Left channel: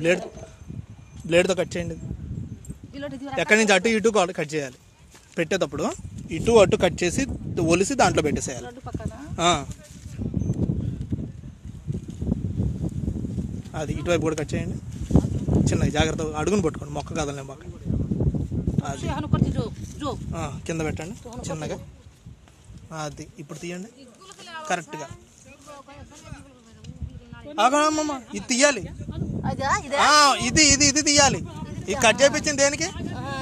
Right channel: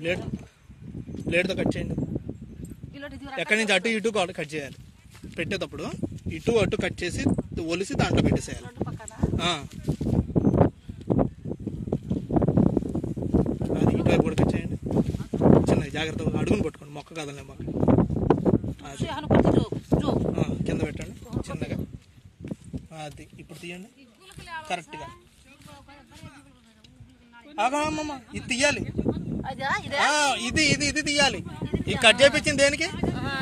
బ్లేడ్తో cut చేయండి. ఎక్కడి నుంచి అటు ఇటు కట్ చేయాలి. పెట్టేటప్పుడు ఇటు అటు కట్ చేసి ఒలిసి దాంట్లో పెట్టేసేయాలి. అది ఇటువైపు కూడా కట్ చేయండి. చిన్నగా జాగ్రత్తగా అడుగుని పట్టుకోండి, మొక్క కదలనే మొక్క. అది కింద పెట్టండి చిన్నగా. అది ఇప్పుడు తీయండి కరెక్ట్గా. ఆగమ్మా, ఇది తీయాలి. ఇది ఇది ఇది తీయాలి. ఈ కట్ చేయించింది దేనికి?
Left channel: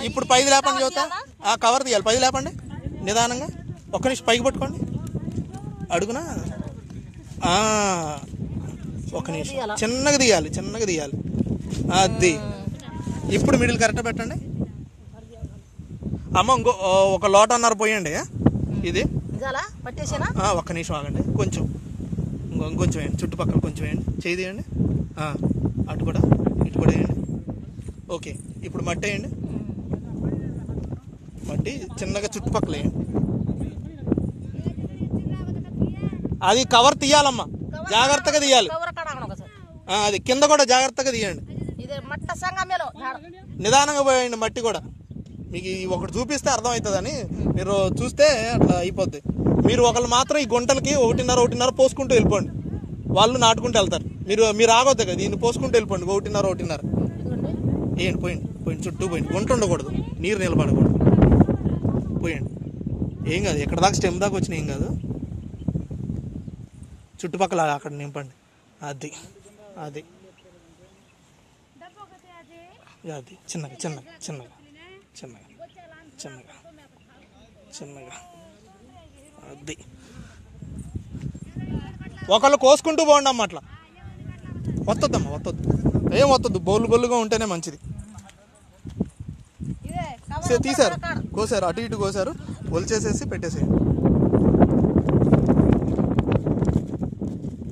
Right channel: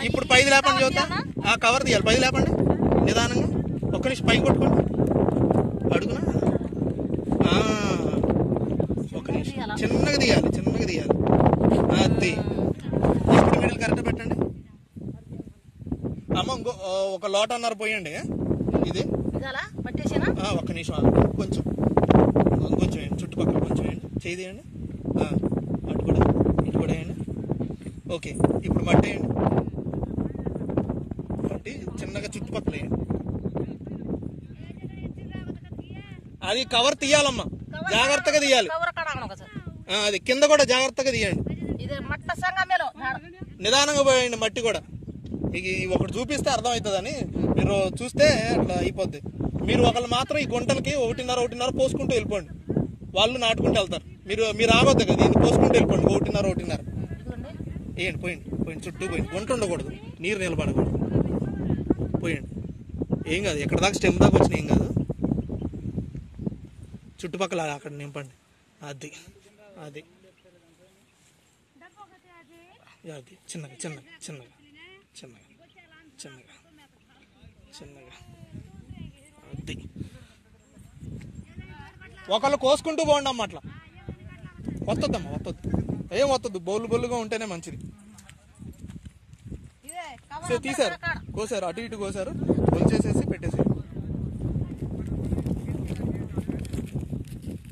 ఇప్పుడు పైది లేపండి చూద్దా. ఆ కవర్ తీయాలి. పైది లేపండి నిదానంగా. ఒక్క నిమిషం పైకి పట్టుకోండి అడుగునా. ఒక నిమిషం చిన్నగా తీయాలి, చిన్నగా తీయాలి. అది ఇప్పుడు మిడిల్ కరెక్ట్ పెట్టండి. అమ్మ ఇంకో ఒక లోటన్నర పోయండి. ఇది ఒక్క నిమిషం ఆగండి. కొంచెం ఇంకొంచెం వేయండి, చుట్టుపక్కల కొంచెం వేయండి, చేయి తీయండి. అటు కూడా ఇటు కూడా వేయండి. ఓకే, ఇప్పుడు మట్టి వేయండి. మట్టి చిన్నగా చుట్టుపక్కల వేయండి. అది కవర్ తీయాలమ్మా, జాగ్రత్తగా తీయాలి. అది కింద కూడా జాగ్రత్తగా తీయండి. నిదానంగా పోయండి. మట్టి కూడా మీకు ఒకటి చూపిస్తే అర్థం అవుతుందని, మీరు చూస్తే అట్లా అయిపోద్ది. మీరు ఒకళ్ళు మాత్రం ఈ గుంటలకి ఒకటిన్నర పోసుకుంటూ వెళ్ళిపోండి. వాళ్ళు నాటుకుంటూ వెళ్తారు. మీరు ఆగొద్దు కదా, ఇది పోసుకుంటూ వెళ్ళిపోండి. ఒకటిన్నర వేయండి. పోయండి చుట్టూ పోయండి. గుంట ఉండకూడదు, నీరు నిలబడకూడదు. పోయండి. ఏం కాదు, ఎక్కడ దాకా స్టెమ్ దాకా వచ్చినా ఏం కాదు. చుట్టుపక్కల అక్కడ నింపండి. అది అది అది చిన్నగా చిన్నగా చిన్నగా చిన్నగా చిన్నగా చిన్నగా. అది ఒకళ్ళు కోసుకుంటూ పోండి అమ్మ. అట్లా వత్తద్దమ్మా, వత్తద్దు, ఏం వత్తద్దు. బొల్లుగా ఉంటేనే మంచిది. తీసారు, కోసారు, అటు ఇటు కోసారు, ఒలిచేసేసి పెట్టేసేయండి.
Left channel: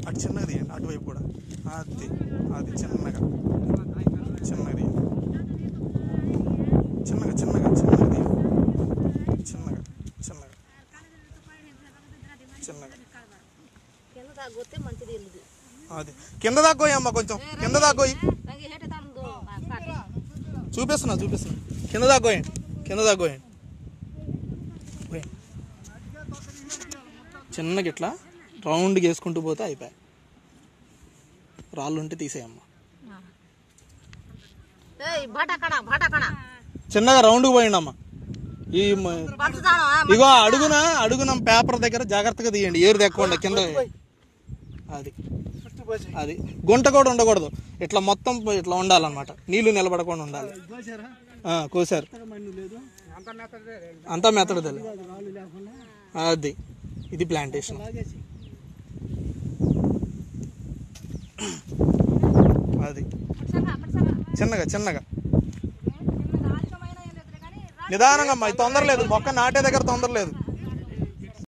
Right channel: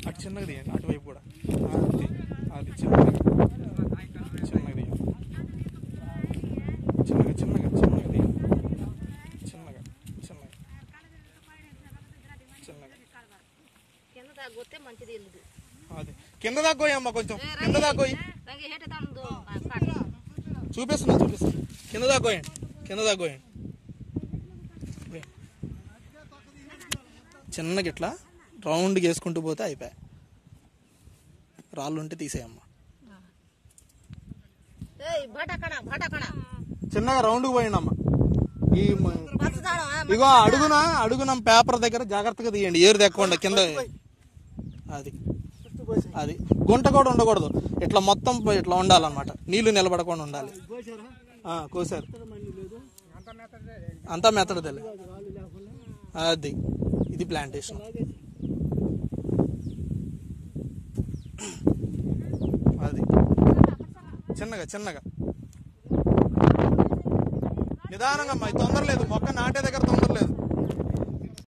అటు చిన్నగా తీయండి, అటువైపు కూడా. అది అది చిన్నగా చిన్నగా తీయండి. చిన్నగా చిన్నగా చిన్నగా తీయండి. చిన్నగా చిన్నగా చిన్నగా. అది కింద దాక్కోయి అమ్మ, కొంచెం కింద దాక్కోయి. చూపిస్తున్నా కింద దాక్కోయండి. చిన్నగా ఇట్లా రౌండ్గా వేసుకుంటూ పోతే అయిపోయాయి. రాళ్ళు ఉంటే తీసేయమ్మా. చిన్నగా రౌండ్కి పోయండి అమ్మ. ఇగో అడుగున పేపర్ దగ్గర జాగ్రత్తగా తీయండి, ఏరు దెక్కకుండా కింద. అది గుంట కూడా ఉండకూడదు, ఇట్లా మొత్తం ఇట్లా ఉండాలన్నమాట. నీళ్లు నిలబడకుండా ఉండాలి. కోసారు అంతా మెత్తడు. అది ఇది ప్లాంటేషన్. అది చిన్నగా నిదానంగా అమ్మా, తొందర లేదు. మొక్క నాటే దగ్గర తొందర లేదు.